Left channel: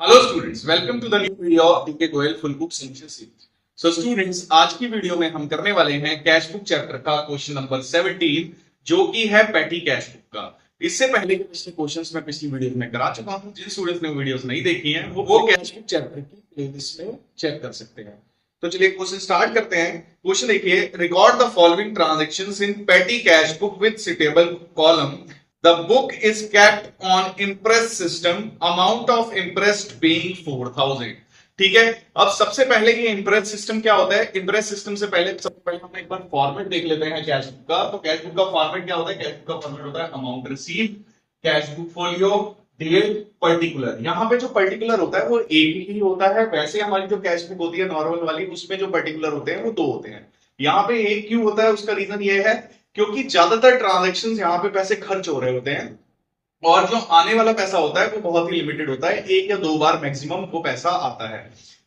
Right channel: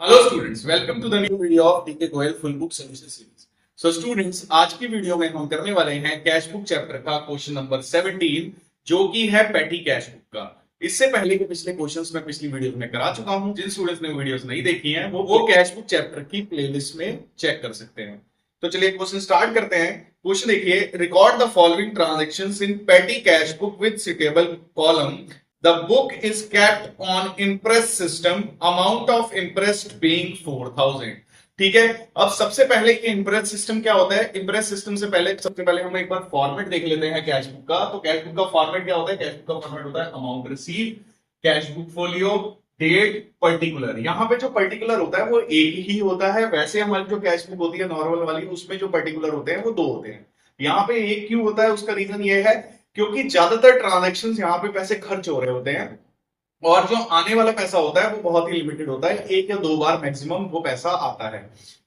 Hello students, welcome to the new video of DK Goyal full book solution series. So students, आज की video में हम करने वाले हैं कैश बुक चैप्टर का क्वेश्चन नंबर 17, जो कि है पेटी कैश बुक का। इससे पहले के पिछले क्वेश्चंस मैं पिछली वीडियो में करा चुका हूं। जिन स्टूडेंट्स ने वीडियोस नहीं देखी हैं वो कैश बुक चैप्टर की प्लेलिस्ट में चेक कर सकते हैं। तो चलिए क्वेश्चन स्टार्ट करते हैं। क्वेश्चन देखिए, रिकॉर्ड द फॉलोइंग ट्रांजैक्शंस इन पेटी cash book with suitable column. The book is kept on impress system. Amount of impressed being 4000. ठीक है। अब सबसे पहले ये इम्प्रेस सिस्टम क्या होता है? इम्प्रेस सिस्टम से पहले सबसे पहले हम एक बार फॉर्मेट देख लेते हैं कैश बुक का। तो कैश बुक का फॉर्मेट क्या होता है? कैश बुक का फॉर्मेट होता है amount receive, cash book folio, date, particular. यहाँ पे जो पर्टिकुलर होता है वो एक ही होता है। वैसे हमारी जो कैश बुक होती है नॉर्मल वाली, उसमें जो पर्टिकुलर होते हैं वो दो होते हैं। यहाँ पे एक क्यों होता है? उसका रीजन ये है क्योंकि ज्यादातर ट्रांजैक्शंस यहाँ पे पैसे खर्च हो रहे होते हैं और जो आने वाला पैसा होता है वो बहुत ही लिमिटेड होता है। एक या दो बार मैक्सिमम वो पैसा आता है।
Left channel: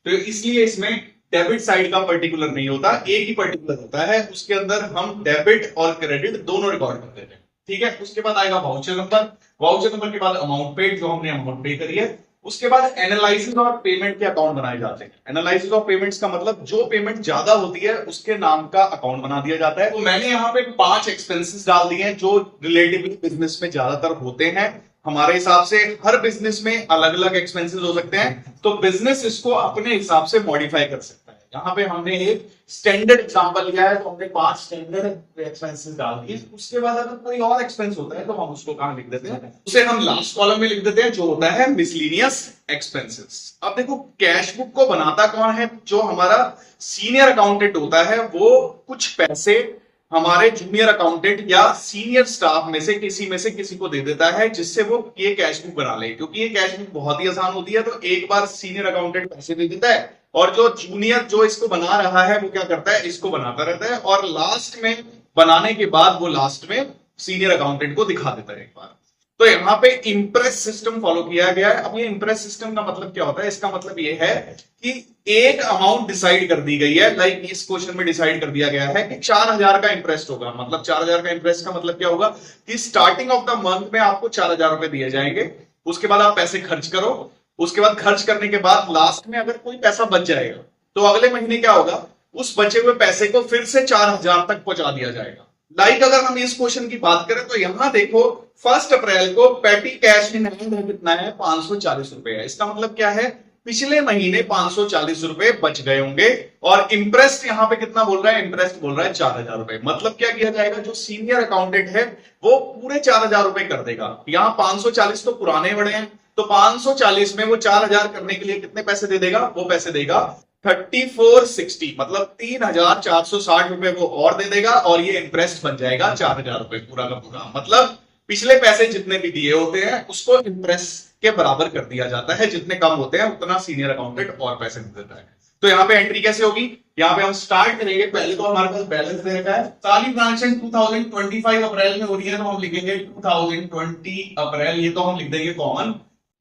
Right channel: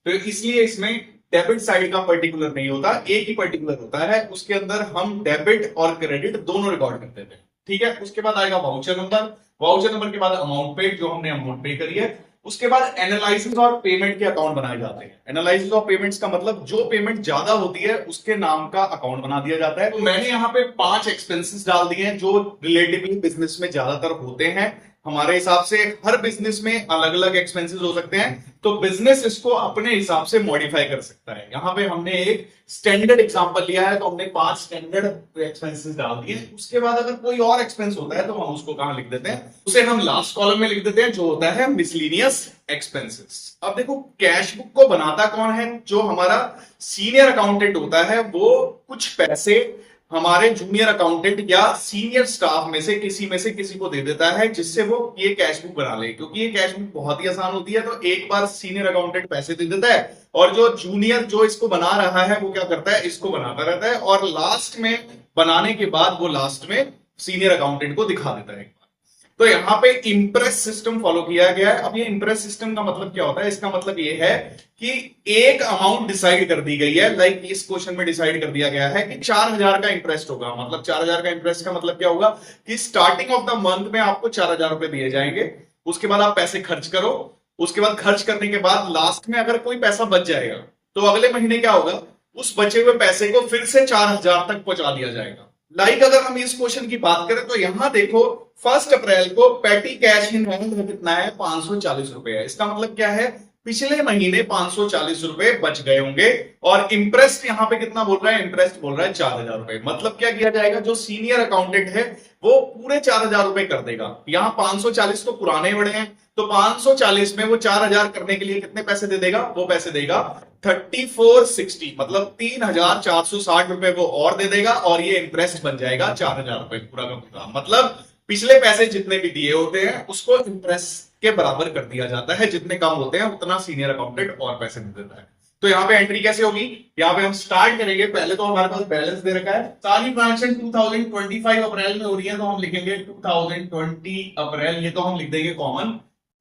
तो इसलिए इसमें डेबिट साइड का पर्टिकुलर नहीं होता, एक ही पर्टिकुलर होता है। उसके अंदर हम डेबिट और क्रेडिट दोनों रिकॉर्ड कर देते हैं। ठीक है। उसके बाद आएगा वाउचर नंबर। वाउचर नंबर के बाद अमाउंट पेड, जो हमने अमाउंट पे करी है। उसके बाद एनालिसिस और पेमेंट के अकाउंट बनाए जाते हैं। एनालिसिस और पेमेंट्स का मतलब जो पेमेंट ज्यादा होती है उसके नाम का अकाउंट बना दिया जाता है। तो मैंने यहाँ पे 5 एक्सपेंसेस डाल दिए हैं जो रिलेटिवली बिजनेस में ज्यादातर होते हैं। हमारे हिसाब से हर बिजनेस में अलग अलग एक्सपेंसेस हो सकते हैं, तो बिजनेस इसको अपने हिसाब से मॉडिफाई कर सकता है। यहाँ पे हमने एक स्टैंडर्ड एग्जांपल लिया है, तो हमने 5 स्टैंडर्ड एक्सपेंसेस डाल दिए। उसके बाद अगर कोई और एक्सपेंस होता है तो हम उसको कहां लिख देते हैं? उसे हम लास्ट कॉलम में लिख देते हैं, जो होता है मिसलिनियस एक्सपेंसेस। अब देखो, कैश बुक को बनाता कौन है? जो हमारा सीनियर अकाउंटेंट होता है वो कुछ पैसे हमारे जूनियर अकाउंटेंट या सीनियर स्टाफ में से किसी को दे देता है, जिससे वो ये कैश बुक बना ले। क्योंकि ये कैश बुक बहुत ही आसान होती है, तो एक बार सीनियर अकाउंटेंट पैसे दे देता है और जो जूनियर जो इसको बना रहा है वो क्या करता है? इसको बनाता रहता है और लास्ट में बनाने के बाद वो लास्ट में सीनियर अकाउंटेंट को दिखा देता है एक बार। तो यहाँ पे इंप्रेस सिस्टम फॉलो किया गया है। अब ये इंप्रेस सिस्टम का मतलब क्या होता है? इसका मतलब ये है कि एक अमाउंट डिसाइड कर दी गई है। लाइक इस क्वेश्चन में डिसाइड कर दिया गया है कि 4000 का इंटरेस्ट होगा। मतलब 4000 का इंटरेस्ट का मतलब क्या होगा कि स्टार्टिंग ऑफ द मंथ में आपको 4000 रुपए दिए जाएंगे। उसके बाद आप पैसे खर्च करो। उसके बाद खर्च करने के बाद लास्ट में अगर कोई पैसा बच जाएगा तो अगले महीने क्या होगा? उस बचे हुए पैसे को फिर से 4000 तक पहुंचा दिया जाएगा। लाइक अगर हम इस क्वेश्चन की बात करें तो यहां देखो, 1 अप्रैल को पेटी कैश इन हैंड कितना है? 540 रुपए है। इसका मतलब क्या है? पिछले महीने 540 रुपए बच गए होंगे। और इंटरेस्ट यहां पे कितना बोल रहा है? इंटरेस्ट बोल रहा है 4000 रुपए। मतलब क्या किया जाएगा? जो सीनियर अकाउंटेंट है वो पूरे 4000 रुपए कर देगा। यहां 540 तो पुराने बड़े हैं, तो 540 में वो 4000 करने के लिए कितने पैसे दे देगा? वो पैसे देगा 3460, मतलब 3460 रुपए वो और दे देगा और ये इंटरेस्ट बन जाएगा 4000 रुपए पूरा का पूरा। मतलब पिछले पैसे जितने भी दिए होते हैं उसको इंटरेस्ट के बराबर कर दिया जाता है। जितने कम होते हैं उतना सीनियर अकाउंटेंट और पैसे दे देता है। तो यहाँ पे एंट्री कैसे होगी? यहाँ पे हम स्टार्ट करेंगे। पहले तो हमारे पास बैलेंस दे रखा है। सारी ट्रांजेक्शन 2025 अप्रैल में हो रही है, तो हम लिखेंगे 2020 अप्रैल। ये तो हम लिख देंगे कॉमन।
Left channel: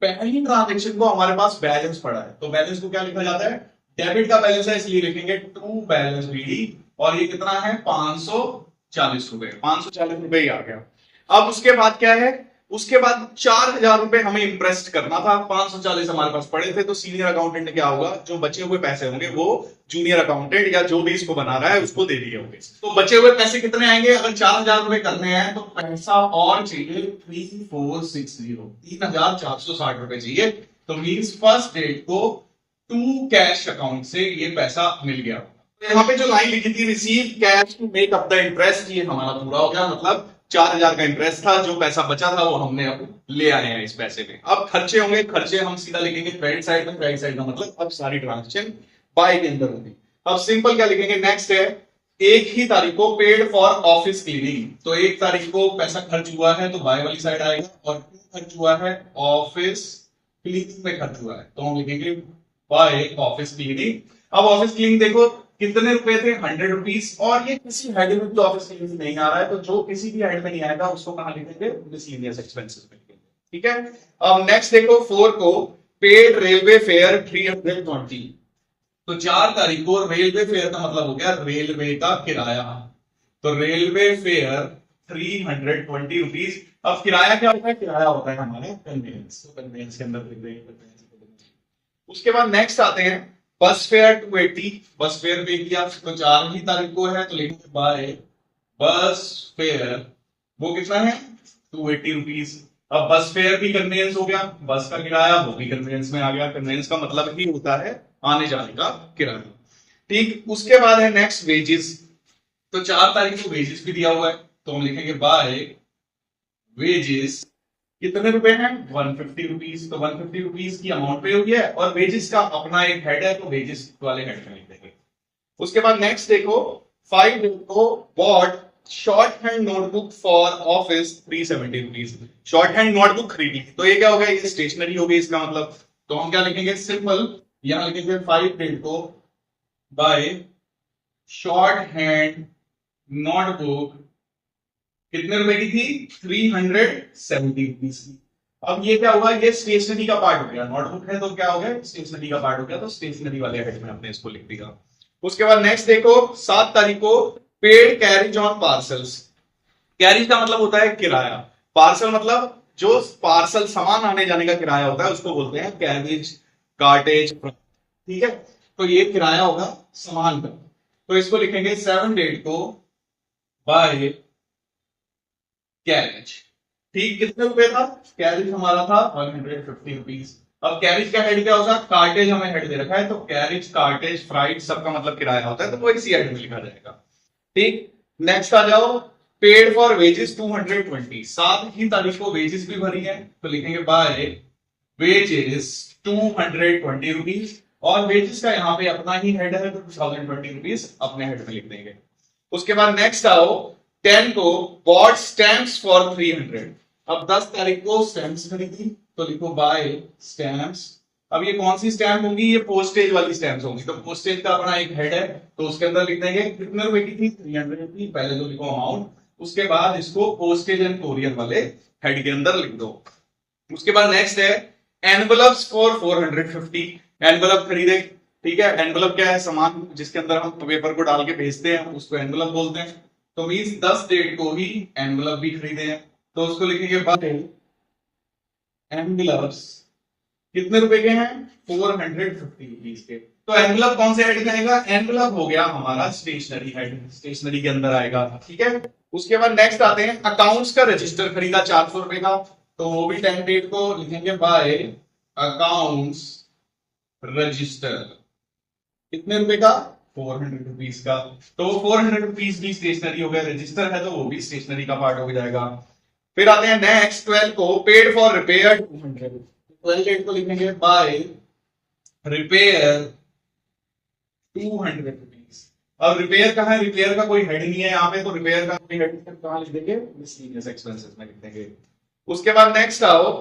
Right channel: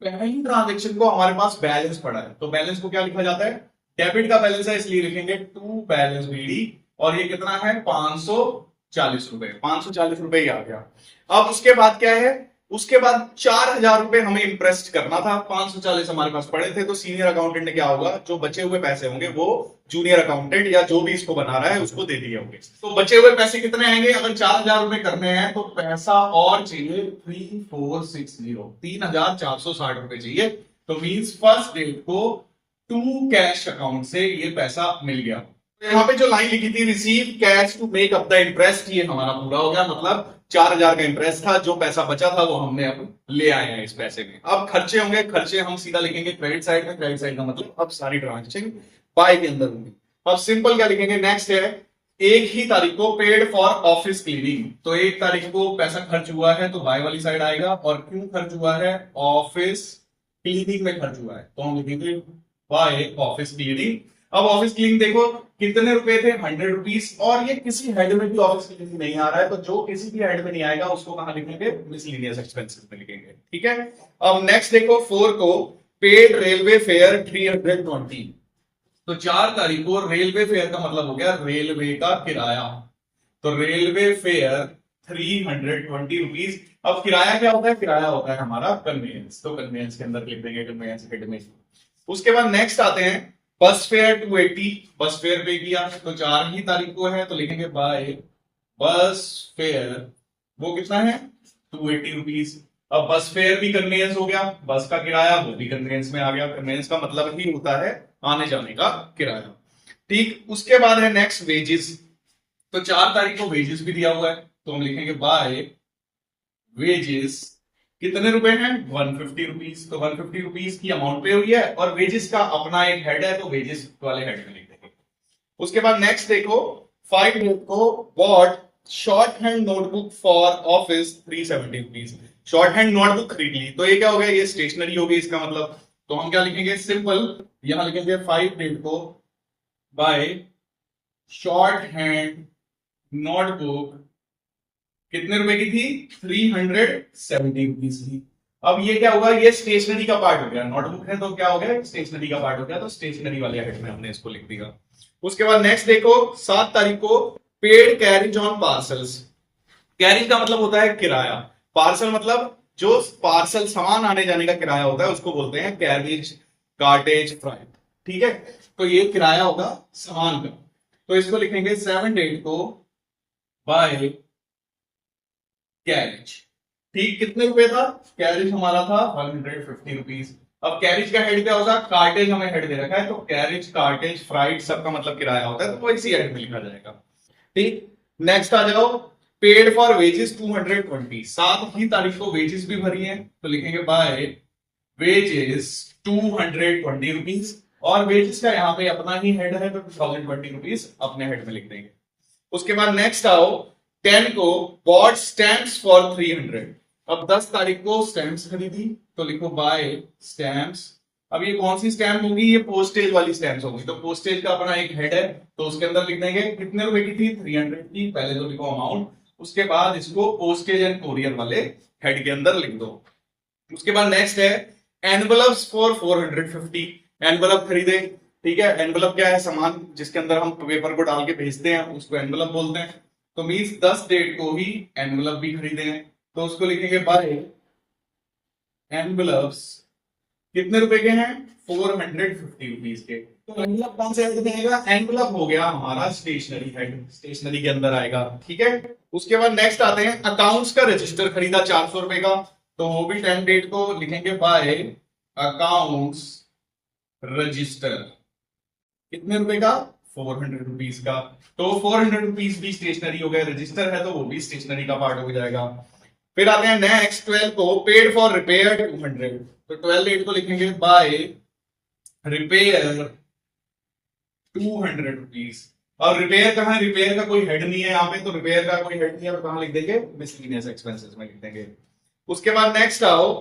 पहली ट्रांजेक्शन को हमारे पास बैलेंस पड़ा है, तो बैलेंस को क्या लिखा जाता है? डेबिट का बैलेंस है, इसलिए लिखेंगे टू बैलेंस बीडी। और ये कितना है? 540 रुपए। 540 रुपए ही आ गया। अब उसके बाद क्या है? उसके बाद 4000 रुपए हमें इंटरेस्ट करना था। 540 हमारे पास पड़े थे, तो सीनियर अकाउंटेंट ने क्या होगा? जो बचे हुए पैसे होंगे वो जूनियर अकाउंटेंट या जो भी इसको बना रहा है उसको दे दिए होंगे। तो बचे हुए पैसे कितने आएंगे? अगर 4000 रुपए करने हैं तो पैसा और चाहिए 3460, 3460 रुपए चाहिए। तो मींस फर्स्ट डेट को टू कैश अकाउंट से ये पैसा मिल गया। तो यहाँ पे जो लाइन लिखी थी, receive cash to make up the interest, ये हमारा पूरा हो गया। मतलब 4000 का इंटरेस्ट था, जो पैसा बचा था वो हमने अब ले आए हैं इस पैसे में। अब खर्चे होंगे, खर्चे हम सीधा लिखेंगे क्रेडिट साइड में। क्रेडिट साइड का मतलब अब सारी ट्रांजेक्शन बाय के अंदर होगी। अब सिंपल क्या लिखेंगे? नेक्स्ट है, एक ही तारीख को पेड फॉर ऑफिस क्लीनिंग। तो 1 तारीख को पैसा खर्च हुआ है तो बाय वाली साइड आएगा। और क्यों खर्च हुआ है? ऑफिस क्लीनिंग में खर्च हुआ है, तो हम लिखेंगे बाय ऑफिस क्लीनिंग। अब ऑफिस क्लीनिंग देखो कितने रुपए थे? 100 रुपीज। और ये किसी हेड में भी ऑफिस क्लीनिंग नहीं आ रहा है, तो जो किसी भी हेड में नहीं आएगा उसको कहां लिखेंगे? मिसलेनियस एक्सपेंसेस में लिखेंगे। ठीक है। अब नेक्स्ट देखो, 4 को पेड रेलवे फेयर 320। तो 4 तारीख को रेलवे फेयर का मतलब हो गया रेलवे का किराया। तो रेलवे फेयर 320 रुपीज। अब किराया क्या होता है? किराया होता है हमारा कन्वेंस, तो कन्वेंस के अंदर लिख देंगे कन्वेंस हेड में। उसके बाद नेक्स्ट आते हैं बस फेयर 280। बस फेयर पे किया तो 4 ही तारीख को है, तो लिखेंगे बाय बस फेयर, वो कितना है 280 रुपीज। अब बस फेयर भी कन्वेंस हो गया, बस का किराया वो भी कन्वेंस में आ गया। कन्वेंस का मतलब ही होता है आने जाने का किराया। ठीक, उसके बाद है नेक्स्ट वेजेस। तो 4 तारीख को वेजेस भी दिया हुआ है, तो हम लिखेंगे बाय वेजेस कितने रुपए हैं 150 रुपीज। तो 150 रुपीज की अमाउंट पे हुई है और वेजेस का अपना एक हेड है, तो वेजेस वाले हेड में लिख देंगे। उसके बाद नेक्स्ट देखो 5 डेट को bought shorthand notebook for office 370 rupees. Shorthand notebook खरीद ली, तो ये क्या हो गया? ये स्टेशनरी हो गई इसका मतलब। तो हम क्या लिखेंगे? सिंपल यहां लिखेंगे 5 डेट को बाय शॉर्ट हैंड नोटबुक कितने रुपए की थी? 370 रुपीज की। अब ये क्या होगा? ये स्टेशनरी का पार्ट हो गया, नोटबुक है तो क्या हो गया? स्टेशनरी का पार्ट हो गया, तो स्टेशनरी वाले हेड में हमने इसको लिख दिया। उसके बाद नेक्स्ट देखो 7 तारीख को paid carriage on parcels. Carriage का मतलब होता है किराया, पार्सल मतलब जो पार्सल सामान आने जाने का किराया होता है उसको बोलते हैं कैरिज कार्टेज फ्राइट। ठीक है, तो ये किराया होगा सामान का। तो इसको लिखेंगे 7 डेट को बाय कैरिज। ठीक, कितने रुपए था? कैरिज हमारा था 150 रुपीज। अब कैरिज का हेड क्या होगा? कार्टेज हमें हेड दे रखा है, तो कैरिज कार्टेज फ्राइट सबका मतलब किराया होता है, तो वो इसी हेड में लिखा जाएगा। ठीक, नेक्स्ट आ जाओ पेड फॉर वेजेस 220। 7 ही तारीख को वेजेस भी भरी है, तो लिखेंगे बाय वेजेस 220 रुपीज। और वेजेस का यहाँ पे अपना ही हेड है, तो 2020 रुपीज अपने हेड में लिख देंगे। उसके बाद नेक्स्ट आओ 10 को बॉट स्टैम्प्स फॉर 300। अब 10 तारीख को स्टैम्प्स खरीदी, तो लिखो बाय स्टैम्प्स। अब ये कौन सी स्टैम्प होगी? ये पोस्टेज वाली स्टैम्प्स होंगी, तो पोस्टेज का अपना एक हेड है, तो उसके अंदर लिख देंगे कितने रुपए की थी? 300 की। पहले तो लिखो अमाउंट, उसके बाद इसको पोस्टेज एंड कोरियर वाले हेड के अंदर लिख दो। उसके बाद नेक्स्ट है एनवलप्स फॉर 450। एनवलप खरीदे, ठीक है। एनवलप क्या है? सामान जिसके अंदर हम पेपर को डाल के भेजते हैं, उसको एनवलप बोलते हैं। तो मींस 10 डेट को ही एनवलप भी खरीदे हैं, तो उसको लिखेंगे बाय एनवलप्स कितने रुपए के हैं? 450 रुपीज के। तो एनवलप कौन से हेड में आएगा? एनवलप हो गया हमारा स्टेशनरी हेड, स्टेशनरी के अंदर आएगा। ठीक है, उसके बाद नेक्स्ट आते हैं अकाउंट्स का रजिस्टर खरीदा 400 रुपए का, तो वो भी 10 डेट को लिखेंगे बाय अकाउंट्स रजिस्टर कितने रुपए का? 400 रुपीज का। तो 400 रुपीज भी स्टेशनरी हो गया, रजिस्टर है तो वो भी स्टेशनरी का पार्ट हो जाएगा। फिर आते हैं नेक्स्ट 12 को पेड फॉर रिपेयर 200। तो 12 डेट को लिखेंगे बाय रिपेयर 200 रुपीज। अब रिपेयर कहाँ है? रिपेयर का कोई हेड नहीं है यहाँ पे, तो रिपेयर का कोई हेड नहीं है तो कहाँ लिख देंगे? मिसलेनियस एक्सपेंसेस में लिख देंगे। उसके बाद नेक्स्ट आओ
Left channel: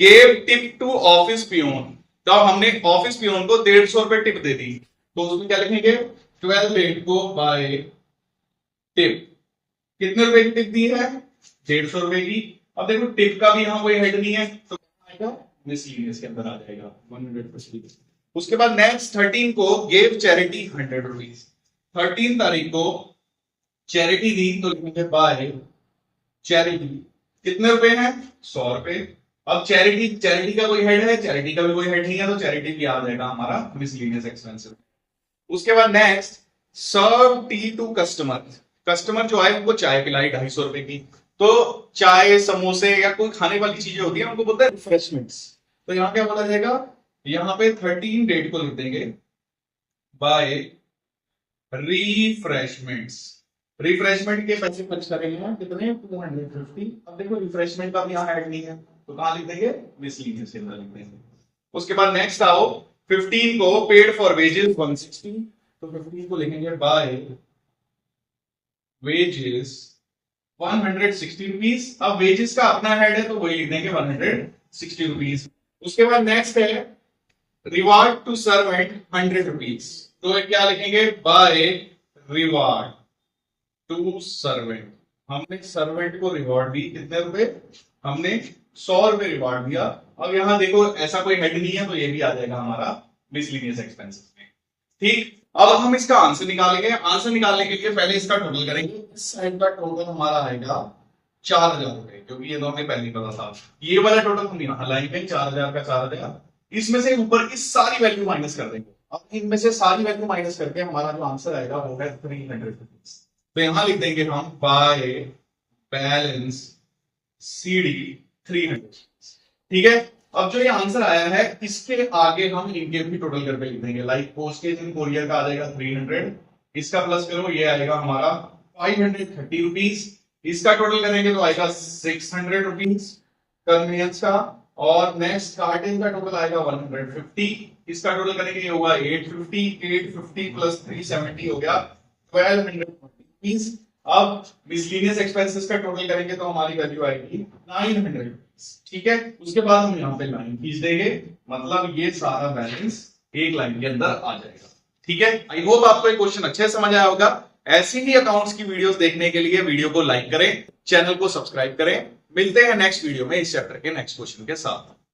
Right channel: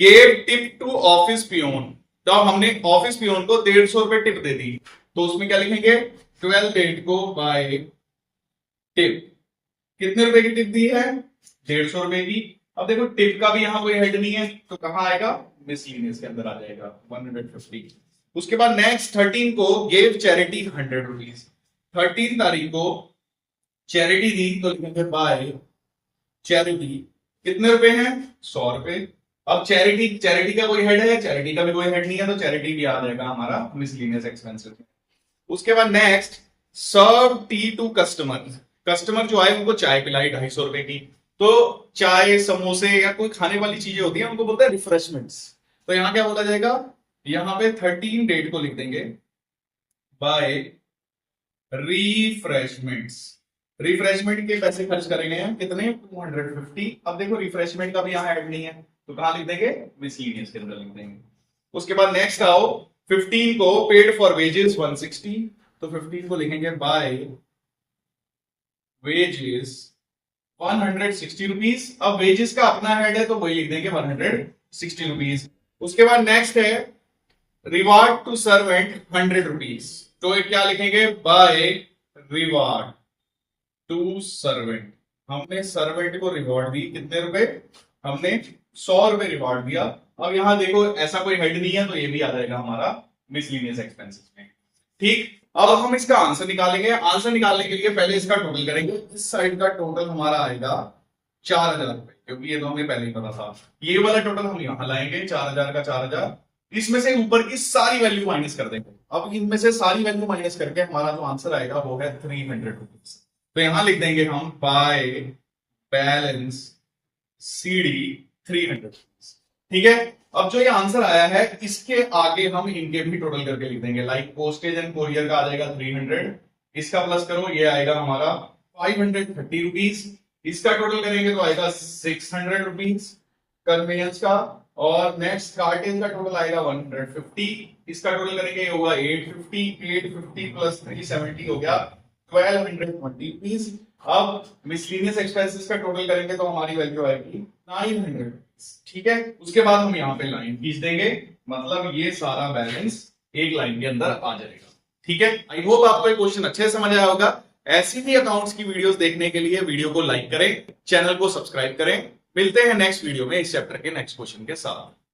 gave tip to office peon. तो अब हमने ऑफिस पियोन को 150 रुपए टिप दे दी, तो उसमें क्या लिखेंगे? 12 डेट को बाय टिप कितने रुपए की टिप दी है? 150 रुपए की। अब देखो टिप का भी यहाँ कोई हेड नहीं है, तो कहां आएगा? मिसलेनियस के अंदर आ जाएगा 150। उसके बाद नेक्स्ट 13 को गेव चैरिटी 100 रुपीज। 13 तारीख को चैरिटी दी, तो लिखेंगे बाय चैरिटी कितने रुपए हैं? 100 रुपए। अब चैरिटी, चैरिटी का कोई हेड है? चैरिटी का भी कोई हेड नहीं है, तो चैरिटी भी आ जाएगा हमारा मिसलेनियस एक्सपेंसेस। उसके बाद next serve tea to customer. Customer जो आए उनको चाय पिलाई 250 रुपए की। तो चाय समोसे या कोई खाने वाली चीजें होती है उनको बोलते हैं रिफ्रेशमेंट्स। तो यहां क्या बोला जाएगा? यहां पे 13 डेट को लिख देंगे बाय रिफ्रेशमेंट्स। रिफ्रेशमेंट के पैसे खर्च करेंगे हम कितने? 250। अब देखो रिफ्रेशमेंट का भी यहाँ ऐड नहीं है, तो कहां लिख देंगे? मिसलेनियस के अंदर लिख देंगे। उसके बाद नेक्स्ट आओ 15 को पेड फॉर वेजेस 160। तो 15 को लिखेंगे बाय वेजेस 160 रुपीज। अब वेजेस का अपना हेड है, तो वही लिख देंगे 160 रुपीज। उसके बाद नेक्स्ट है रिवार्ड टू सर्वेंट 100 रुपीज। तो ये क्या लिखेंगे? By reward to servant. हमने सर्वेंट को रिवॉर्ड दी कितने रुपए? हमने 100 रुपए रिवॉर्ड दिया। अब यहां देखो ऐसा कोई हेड नहीं है, तो ये भी आ जाएगा हमारा मिसलेनियस एक्सपेंसेस में। ठीक, अब हम इसका आंसर निकालेंगे। आंसर निकालने के लिए पहले इसका टोटल करेंगे। इस साइड का टोटल हमारा आएगा 4000 रुपए। क्योंकि ये तो हमें पहले ही पता था। ये वाला टोटल हम यहां लाएंगे 4000 का 4000, इसमें से ऊपर की सारी वैल्यू माइनस कर देंगे। अब इनमें से सारी वैल्यू माइनस करके हमारा जो आंसर आएगा वो है 300 रुपीज। तो यहां लिख देंगे हम बाय बैलेंस CD 300। ठीक है, अब जो ये आंसर आया है इसके आगे हम इनके भी टोटल करके लिख देंगे। लाइक पोस्टेज एंड कोरियर का आ जाएगा 300, इसका प्लस करो ये आएगा हमारा 530 रुपीज, इसका टोटल करेंगे तो आएगा 600 रुपीज कन्वेंस का, और नेक्स्ट कार्टेन का टोटल आएगा 150, इसका टोटल करेंगे ये होगा 850 प्लस 370 हो गया 1220 रुपीज। अब मिसलेनियस एक्सपेंसेस का टोटल करेंगे तो हमारी वैल्यू आएगी 900। ठीक है, उसके बाद हम यहाँ पे लाइन खींच देंगे, मतलब ये सारा बैलेंस एक लाइन के अंदर आ जाएगा। ठीक है, आई होप आपको ये क्वेश्चन अच्छे से समझ आया होगा। ऐसी ही अकाउंट्स की वीडियोस देखने के लिए वीडियो को लाइक करें, चैनल को सब्सक्राइब करें। मिलते हैं नेक्स्ट वीडियो में इस चैप्टर के नेक्स्ट क्वेश्चन के साथ।